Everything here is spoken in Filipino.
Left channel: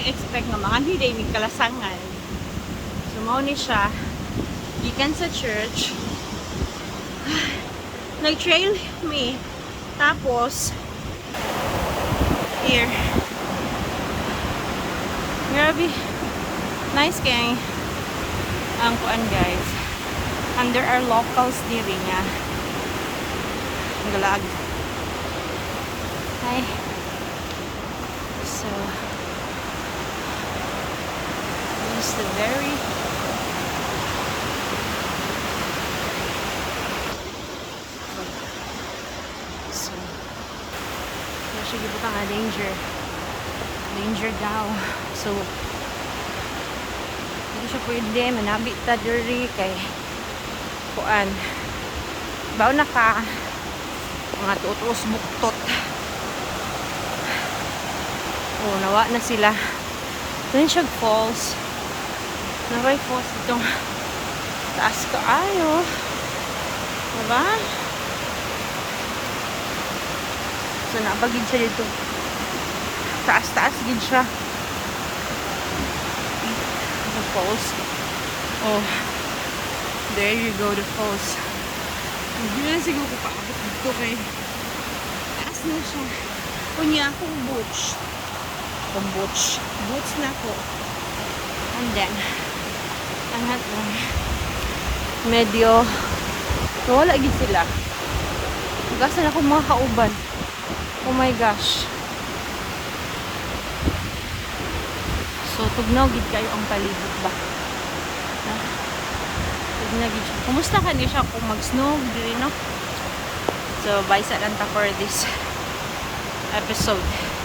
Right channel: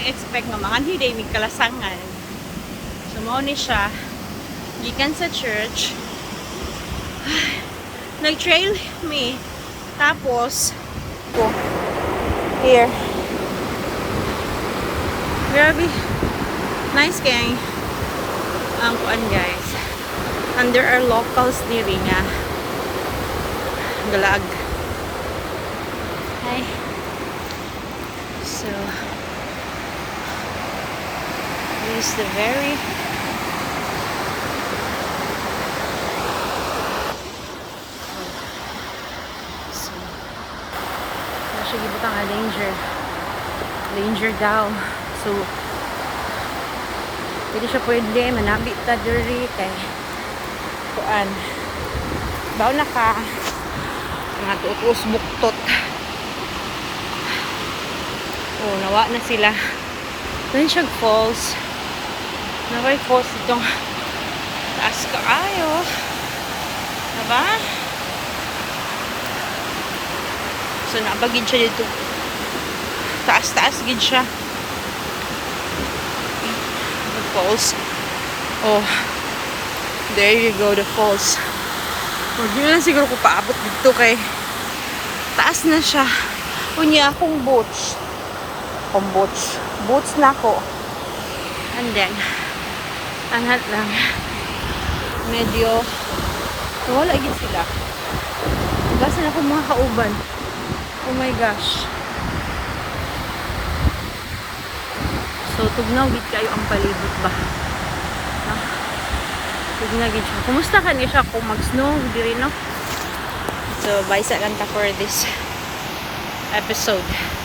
nag-expect nga mga day may kalasangan. So mao ni siya gikan sa church. Nag-trail me. Tapos here. Grabe. Nice kay ang kuan guys. And there are locals diri nga galag. Hi. So this is the very siya gibutang nga danger daw. So hindi siya pwede manabit ta diri kay kuan baw na ka mga tutos buktot. Oh, nawa na sila. Then siya falls. Naway falls itong taas ka ayo. Diba? So, nabagid siya dito. Taas-taas gid siya. The falls. Oh. There you go, the falls. Huwag nyo lang siguro kung paabot dito kay taas na siya. Kunya akong boots. Boots na ako. And then, angat lang. Medyo wala yun sila. Ugasan ako mga kauban. Oh my gosh. So, tugnaw gid kayo ang palibot ba? No? Tugnaw gid siya. Kumusta ka niya siya kung mag-snow? Diri, no? So, bye sa lang ta for this episode.